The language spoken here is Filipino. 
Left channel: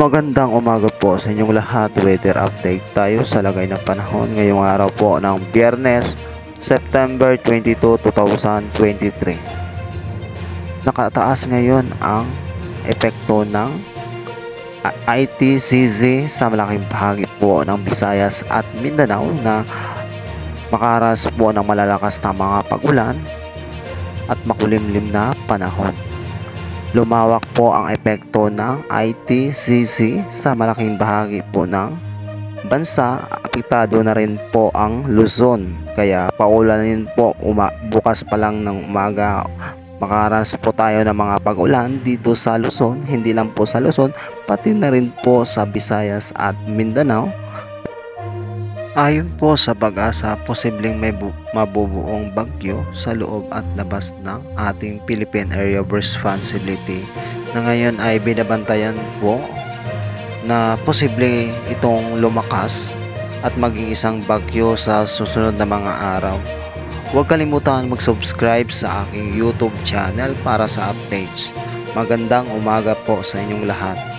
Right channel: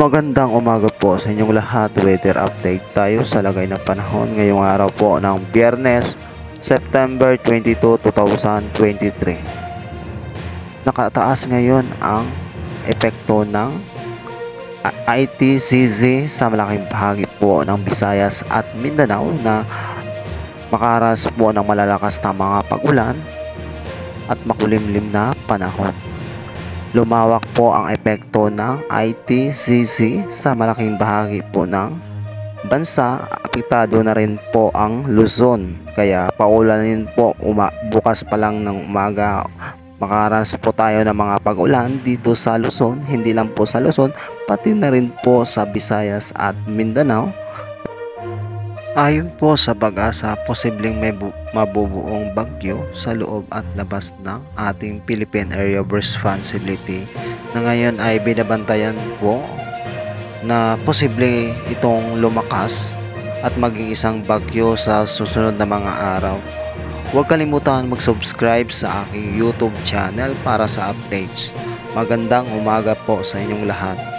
Magandang umaga po sa inyong lahat. Weather update tayo sa lagay ng panahon ngayong araw po ng Biyernes, September 22, 2023. Nakataas ngayon ang epekto ng ITCZ sa malaking bahagi po ng Visayas at Mindanao na makaras po ng malalakas na mga pag-ulan at makulimlim na panahon. Lumawak po ang epekto ng ITCZ sa malaking bahagi po ng bansa. Apektado na rin po ang Luzon. Kaya paulanin po bukas pa lang ng umaga. Makaranas po tayo ng mga pag-ulan dito sa Luzon. Hindi lang po sa Luzon, pati na rin po sa Visayas at Mindanao. Ayon po sa pag-asa, posibleng may mabubuong bagyo sa loob at labas ng ating Philippine Area of Responsibility na ngayon ay binabantayan po na posible itong lumakas at maging isang bagyo sa susunod na mga araw. Huwag kalimutan mag-subscribe sa aking YouTube channel para sa updates. Magandang umaga po sa inyong lahat.